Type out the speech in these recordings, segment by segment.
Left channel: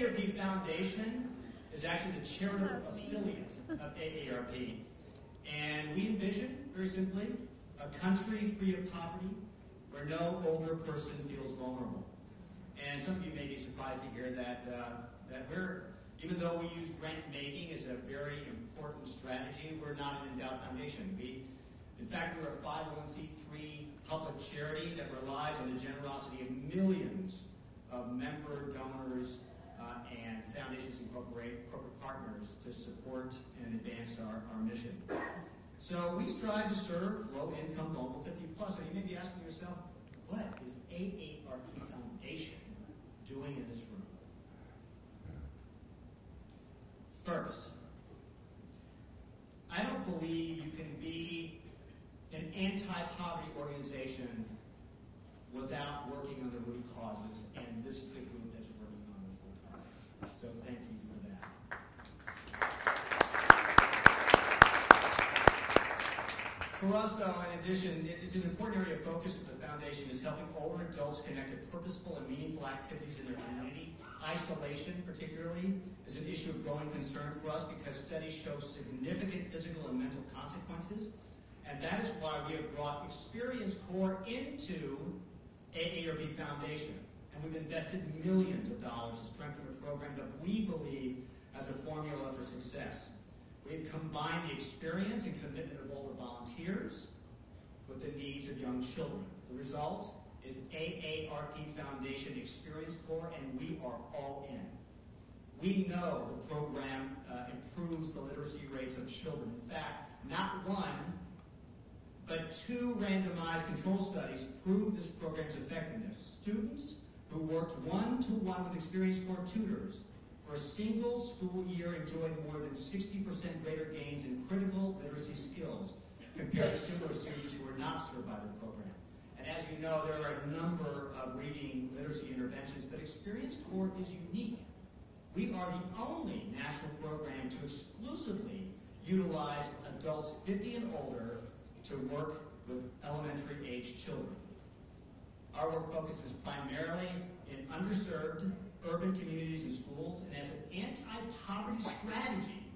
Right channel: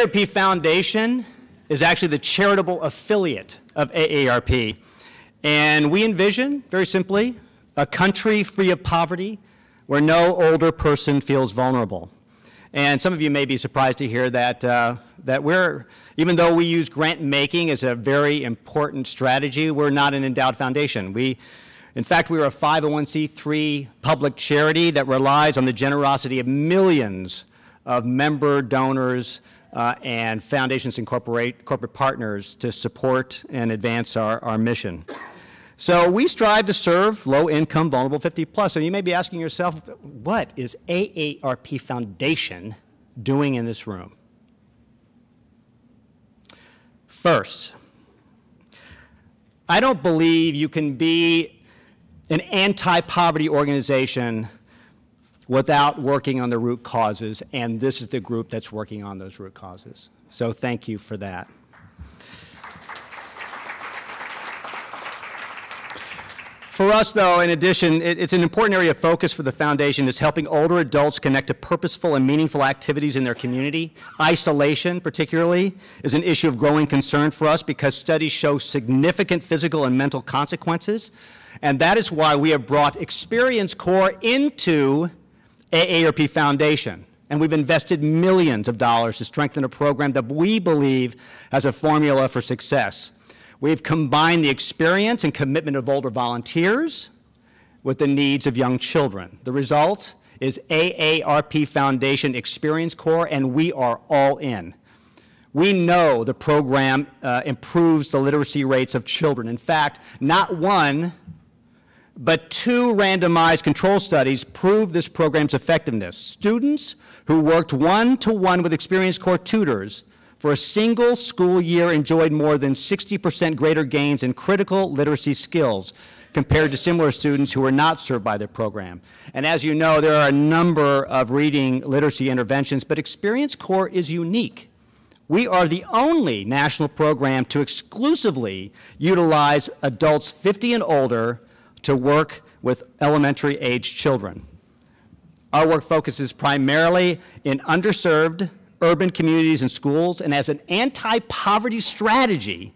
AARP Foundation is actually the charitable affiliate of AARP. And we envision, very simply, a country free of poverty where no older person feels vulnerable. And some of you may be surprised to hear that, even though we use grant making as a very important strategy, we're not an endowed foundation. In fact, we are a 501c3 public charity that relies on the generosity of millions of member donors and foundations and corporate partners to support and advance our mission. So we strive to serve low-income, vulnerable 50+. So you may be asking yourself, what is AARP Foundation doing in this room? First, I don't believe you can be an anti-poverty organization without working on the root causes, and this is the group that's working on those root causes. So thank you for that. For us, though, in addition, it's an important area of focus for the foundation is helping older adults connect to purposeful and meaningful activities in their community. Isolation, particularly, is an issue of growing concern for us because studies show significant physical and mental consequences. And that is why we have brought Experience Corps into AARP Foundation. And we've invested millions of dollars to strengthen a program that we believe has a formula for success. We've combined the experience and commitment of older volunteers with the needs of young children. The result is AARP Foundation Experience Corps, and we are all in. We know the program improves the literacy rates of children. In fact, not one, but 2 randomized control studies prove this program's effectiveness. Students who worked one-to-one with Experience Corps tutors for a single school year enjoyed more than 60% greater gains in critical literacy skills compared to similar students who were not served by the program. And as you know, there are a number of reading literacy interventions, but Experience Corps is unique. We are the only national program to exclusively utilize adults 50 and older to work with elementary-aged children. Our work focuses primarily in underserved urban communities and schools, and as an anti-poverty strategy,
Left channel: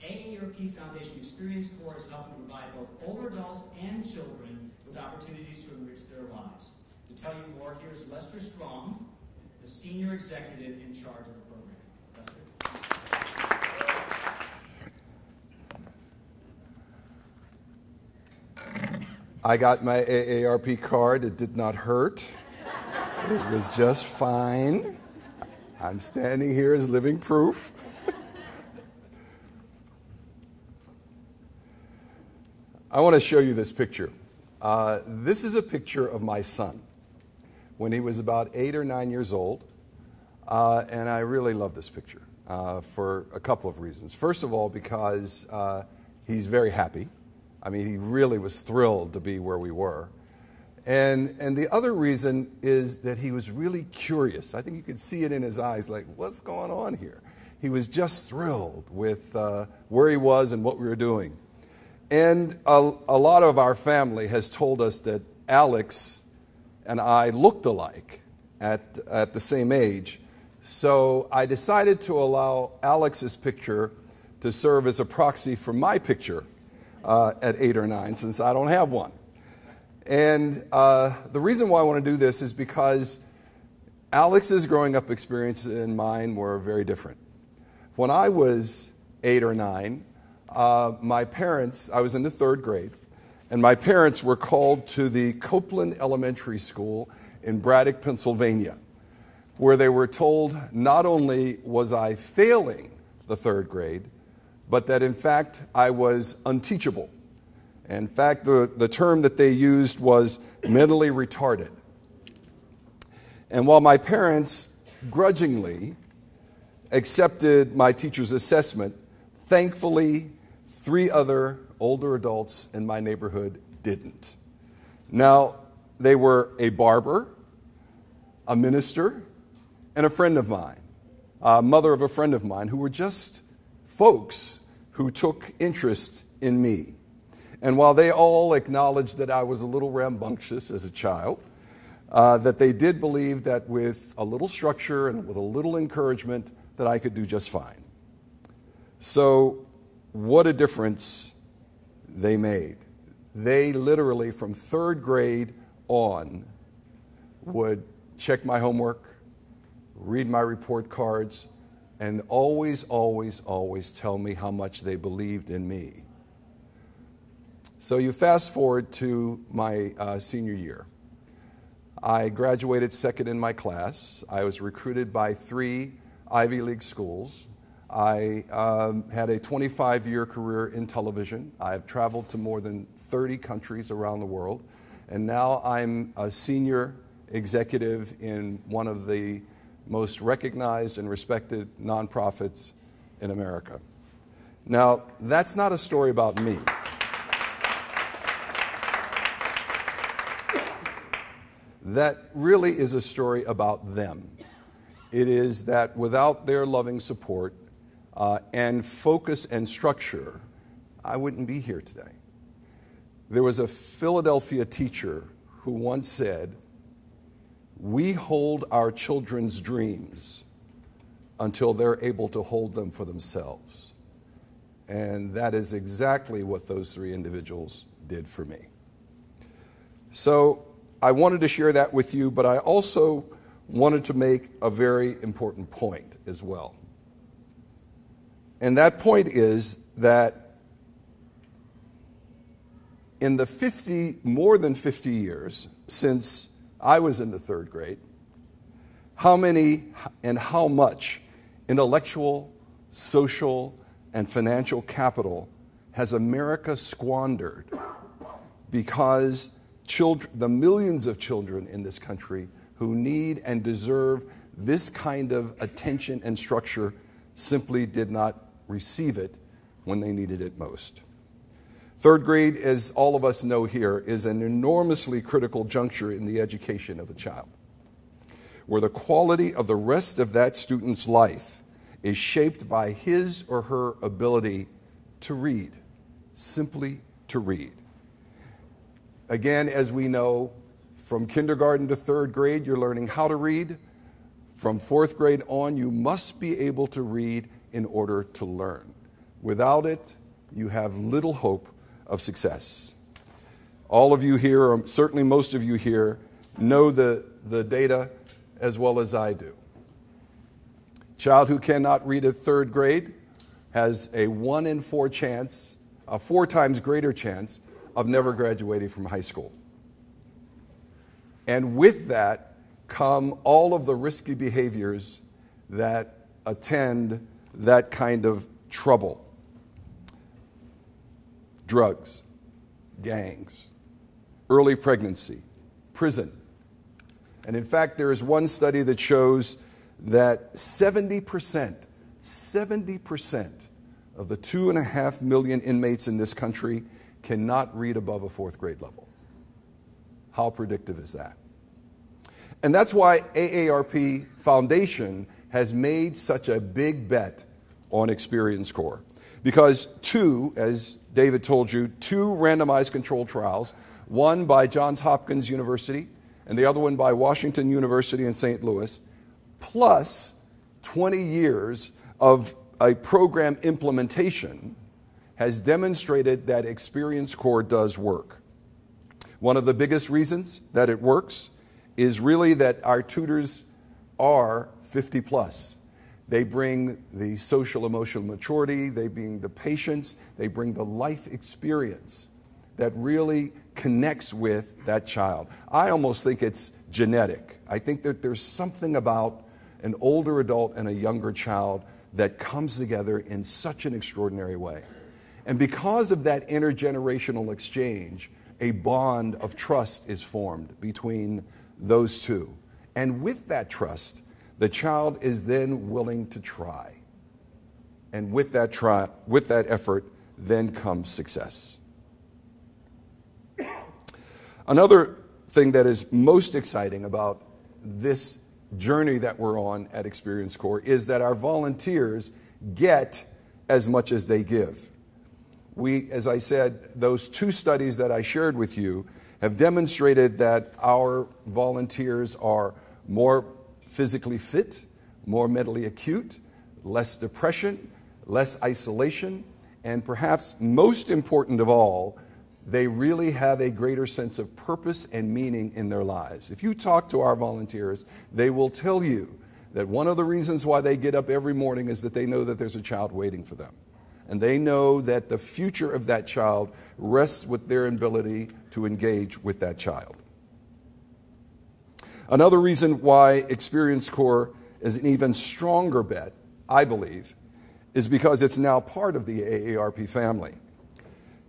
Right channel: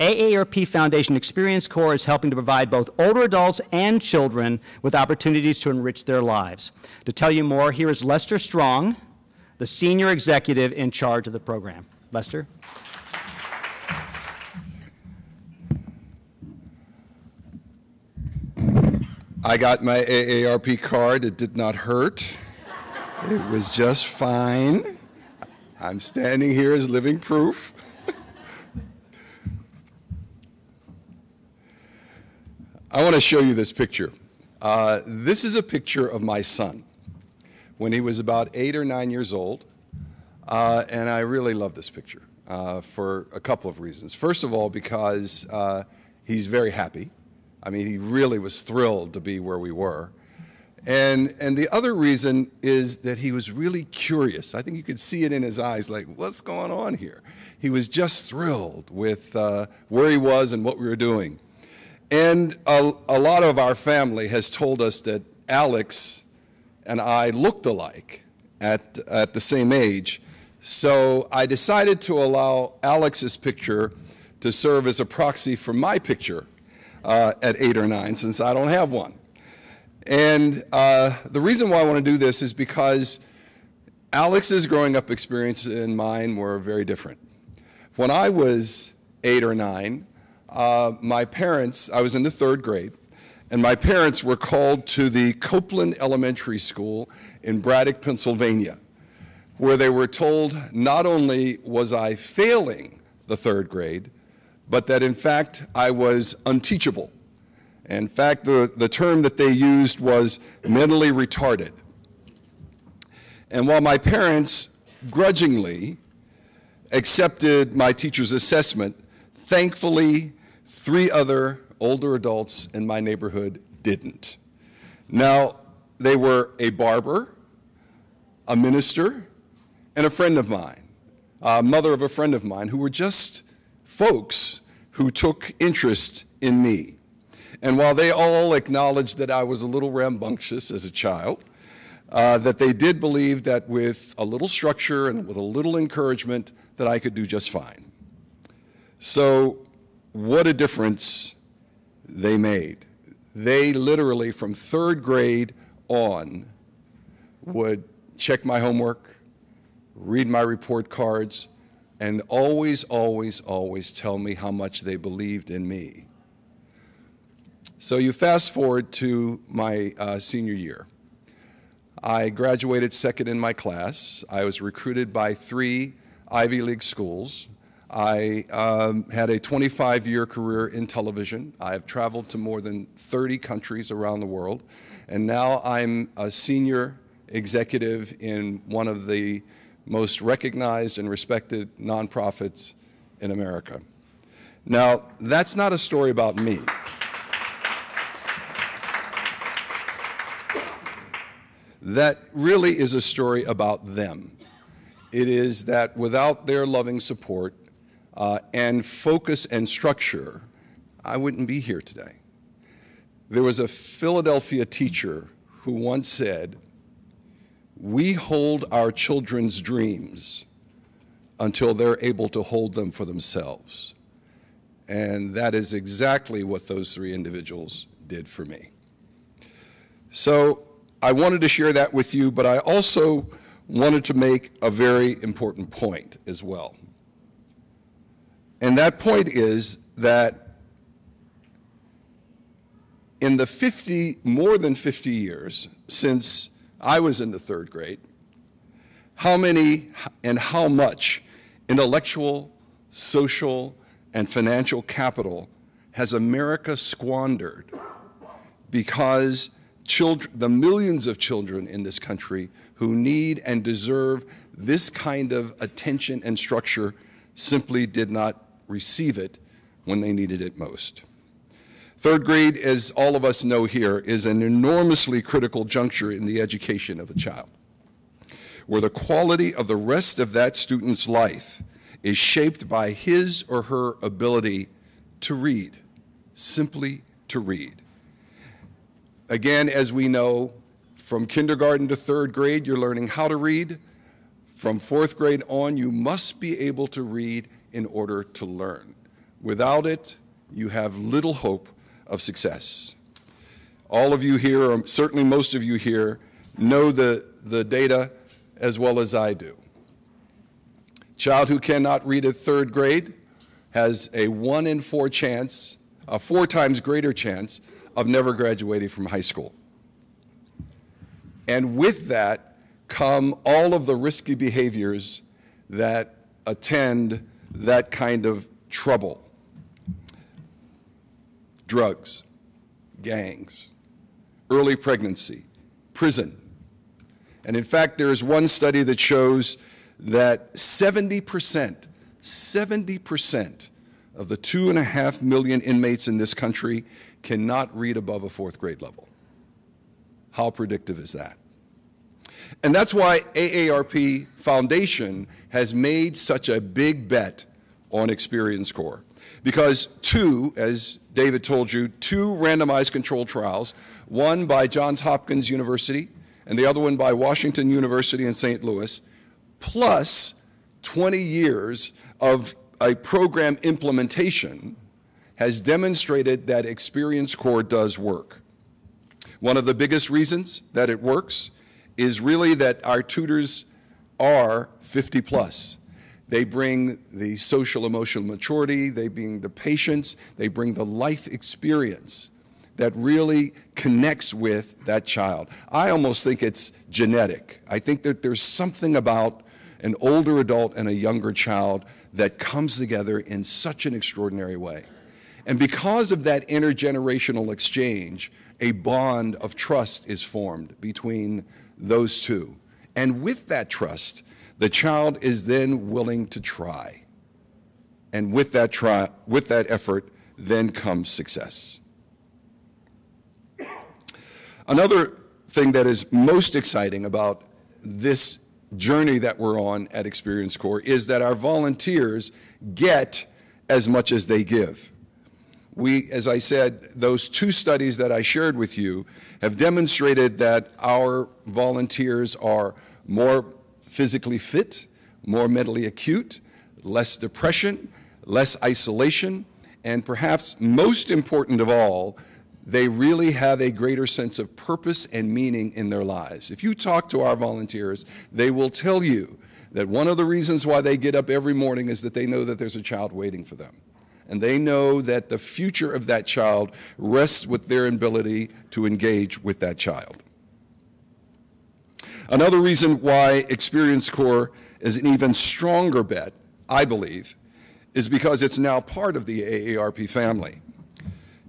AARP Foundation Experience Corps is helping to provide both older adults and children with opportunities to enrich their lives. To tell you more, here is Lester Strong, the senior executive in charge of the program. Lester? I got my AARP card. It did not hurt. It was just fine. I'm standing here as living proof. I want to show you this picture. This is a picture of my son when he was about 8 or 9 years old, and I really love this picture for a couple of reasons. First of all, because he's very happy. I mean, he really was thrilled to be where we were. And the other reason is that he was really curious. I think you could see it in his eyes, like, what's going on here? He was just thrilled with where he was and what we were doing. And a lot of our family has told us that Alex and I looked alike at the same age. So I decided to allow Alex's picture to serve as a proxy for my picture at 8 or 9, since I don't have one. And the reason why I want to do this is because Alex's growing up experience and mine were very different. When I was 8 or 9, my parents, I was in the 3rd grade, and my parents were called to the Copeland Elementary School in Braddock, Pennsylvania, where they were told not only was I failing the 3rd grade, but that in fact I was unteachable. In fact, the term that they used was mentally retarded. And while my parents grudgingly accepted my teacher's assessment, thankfully 3 other older adults in my neighborhood didn't. Now, they were a barber, a minister, and a friend of mine, a mother of a friend of mine, who were just folks who took interest in me. And while they all acknowledged that I was a little rambunctious as a child, that they did believe that with a little structure and with a little encouragement that I could do just fine. So what a difference they made. They literally, from 3rd grade on, would check my homework, read my report cards, and always, always, always tell me how much they believed in me. So you fast forward to my senior year. I graduated 2nd in my class. I was recruited by 3 Ivy League schools. I had a 25-year career in television. I've traveled to more than 30 countries around the world. And now I'm a senior executive in one of the most recognized and respected nonprofits in America. Now, that's not a story about me. That really is a story about them. It is that without their loving support and focus and structure, I wouldn't be here today. There was a Philadelphia teacher who once said, "We hold our children's dreams until they're able to hold them for themselves." And that is exactly what those 3 individuals did for me. So I wanted to share that with you, but I also wanted to make a very important point as well. And that point is that in the more than 50 years since I was in the 3rd grade, how many and how much intellectual, social, and financial capital has America squandered because the millions of children in this country who need and deserve this kind of attention and structure simply did not receive it when they needed it most. 3rd grade, as all of us know here, is an enormously critical juncture in the education of a child, where the quality of the rest of that student's life is shaped by his or her ability to read, simply to read. Again, as we know, from kindergarten to 3rd grade, you're learning how to read. From 4th grade on, you must be able to read in order to learn. Without it, you have little hope of success. All of you here, or certainly most of you here, know the data as well as I do. Child who cannot read at 3rd grade has a 1 in 4 chance, a 4 times greater chance of never graduating from high school. And with that come all of the risky behaviors that attend that kind of trouble. Drugs, gangs, early pregnancy, prison. And in fact, there is one study that shows that 70% of the 2.5 million inmates in this country cannot read above a 4th grade level. How predictive is that? And that's why AARP Foundation has made such a big bet on Experience Corps. Because 2, as David told you, 2 randomized controlled trials, one by Johns Hopkins University and the other one by Washington University in St. Louis, plus 20 years of a program implementation has demonstrated that Experience Corps does work. One of the biggest reasons that it works is really that our tutors are 50 plus. They bring the social emotional maturity, they bring the patience, they bring the life experience that really connects with that child. I almost think it's genetic. I think that there's something about an older adult and a younger child that comes together in such an extraordinary way. And because of that intergenerational exchange, a bond of trust is formed between those 2. And with that trust, the child is then willing to try. And with that effort, then comes success. Another thing that is most exciting about this journey that we're on at Experience Corps is that our volunteers get as much as they give. We, as I said, those 2 studies that I shared with you have demonstrated that our volunteers are more physically fit, more mentally acute, less depression, less isolation, and perhaps most important of all, they really have a greater sense of purpose and meaning in their lives. If you talk to our volunteers, they will tell you that one of the reasons why they get up every morning is that they know that there's a child waiting for them. And they know that the future of that child rests with their ability to engage with that child. Another reason why Experience Corps is an even stronger bet, I believe, is because it's now part of the AARP family.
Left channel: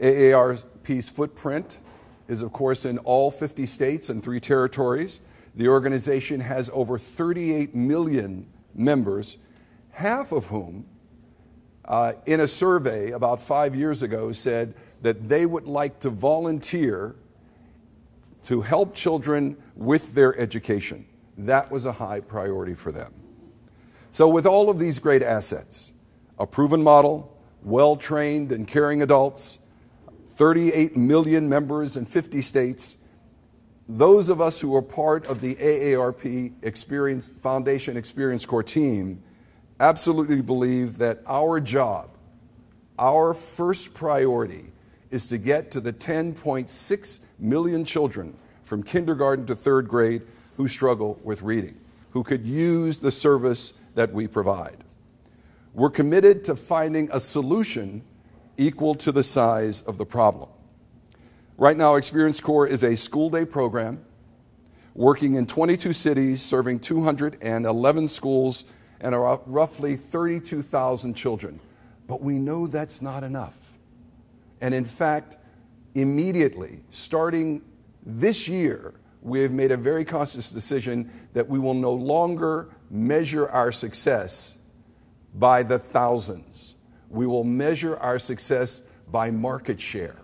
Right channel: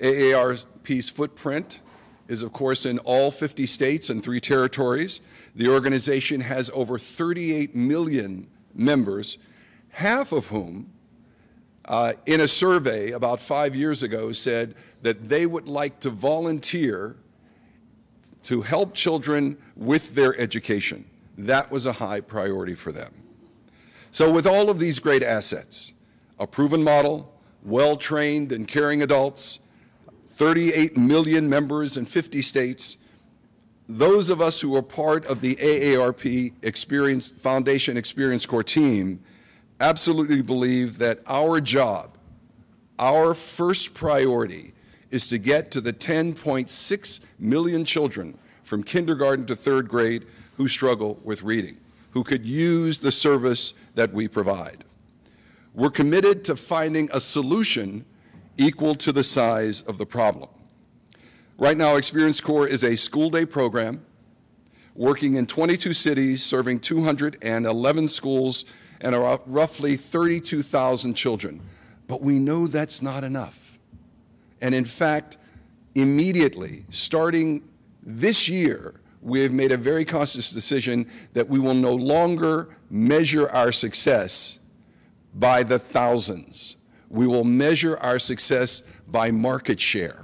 AARP's footprint is, of course, in all 50 states and 3 territories. The organization has over 38 million members, half of whom, in a survey about 5 years ago, said that they would like to volunteer to help children with their education. That was a high priority for them. So with all of these great assets, a proven model, well-trained and caring adults, 38 million members in 50 states, those of us who are part of the AARP Foundation Experience Corps team absolutely believe that our job, our first priority, is to get to the 10.6 million children from kindergarten to 3rd grade who struggle with reading, who could use the service that we provide. We're committed to finding a solution equal to the size of the problem. Right now, Experience Corps is a school day program working in 22 cities, serving 211 schools and roughly 32,000 children. But we know that's not enough. And in fact, immediately, starting this year, we have made a very conscious decision that we will no longer measure our success by the thousands. We will measure our success by market share.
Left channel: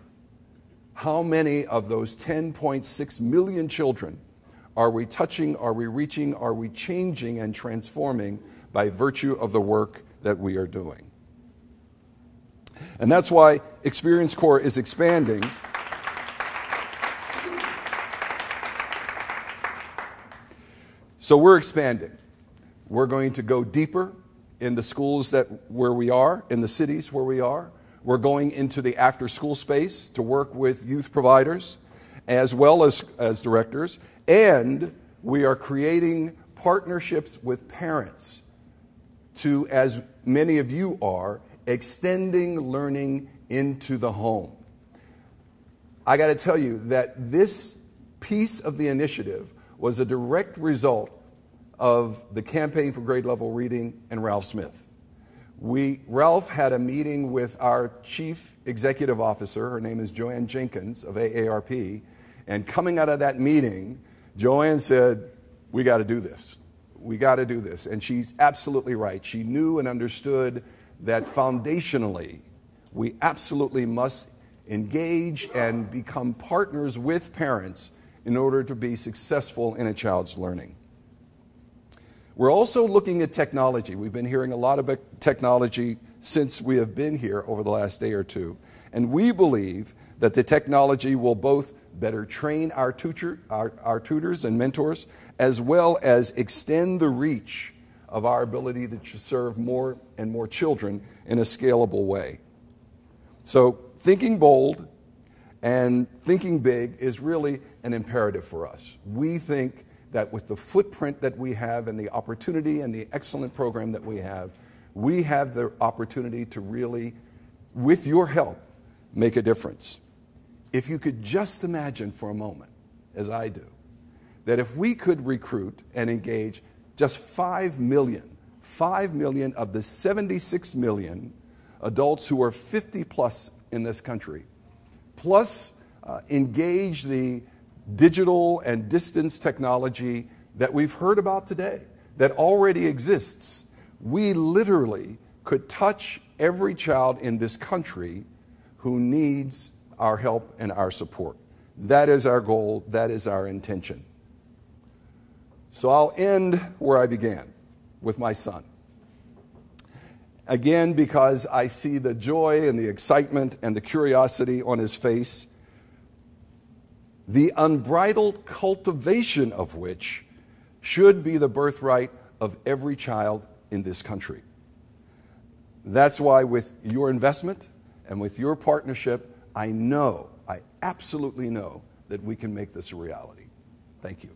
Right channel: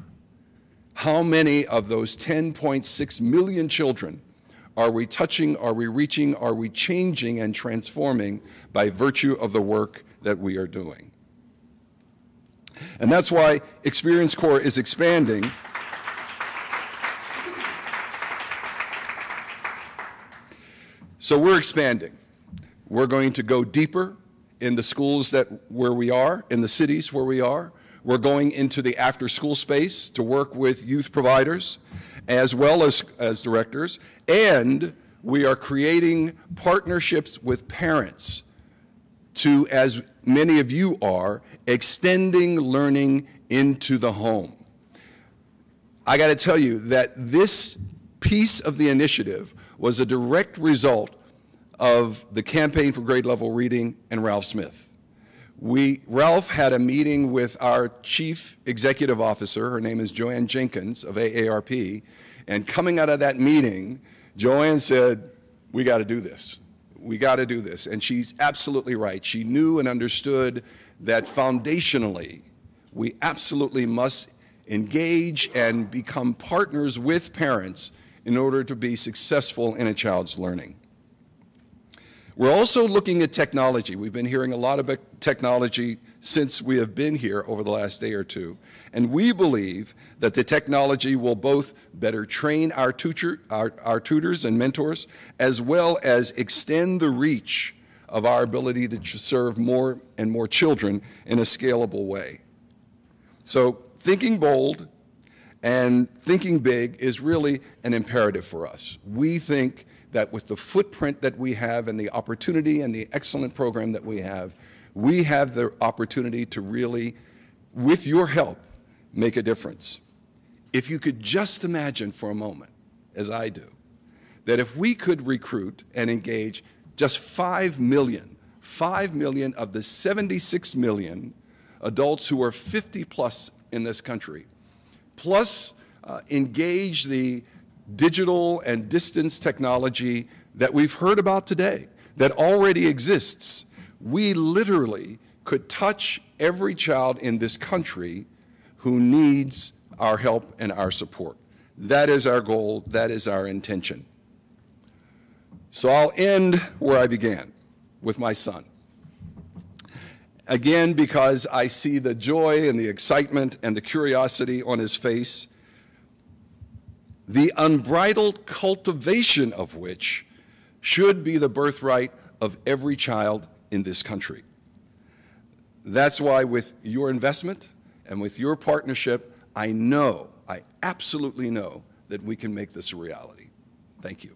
How many of those 10.6 million children are we touching, are we reaching, are we changing and transforming by virtue of the work that we are doing? And that's why Experience Corps is expanding. So we're expanding. We're going to go deeper in the schools where we are, in the cities where we are. We're going into the after-school space to work with youth providers as well as directors, and we are creating partnerships with parents to, as many of you are, extending learning into the home. I got to tell you that this piece of the initiative was a direct result of the Campaign for Grade Level Reading and Ralph Smith. Ralph had a meeting with our Chief Executive Officer, her name is Joanne Jenkins of AARP, and coming out of that meeting, Joanne said, we got to do this. We got to do this. And she's absolutely right. She knew and understood that foundationally, we absolutely must engage and become partners with parents in order to be successful in a child's learning. We're also looking at technology. We've been hearing a lot about technology since we have been here over the last day or two. And we believe that the technology will both better train our tutors and mentors, as well as extend the reach of our ability to serve more and more children in a scalable way. So thinking bold and thinking big is really an imperative for us. We think that with the footprint that we have and the opportunity and the excellent program that we have the opportunity to really, with your help, make a difference. If you could just imagine for a moment, as I do, that if we could recruit and engage just 5 million of the 76 million adults who are 50 plus in this country, plus engage the digital and distance technology that we've heard about today, that already exists, we literally could touch every child in this country who needs our help and our support. That is our goal, that is our intention. So I'll end where I began, with my son. Again, because I see the joy and the excitement and the curiosity on his face. the unbridled cultivation of which should be the birthright of every child in this country. That's why with your investment and with your partnership, I absolutely know that we can make this a reality. Thank you.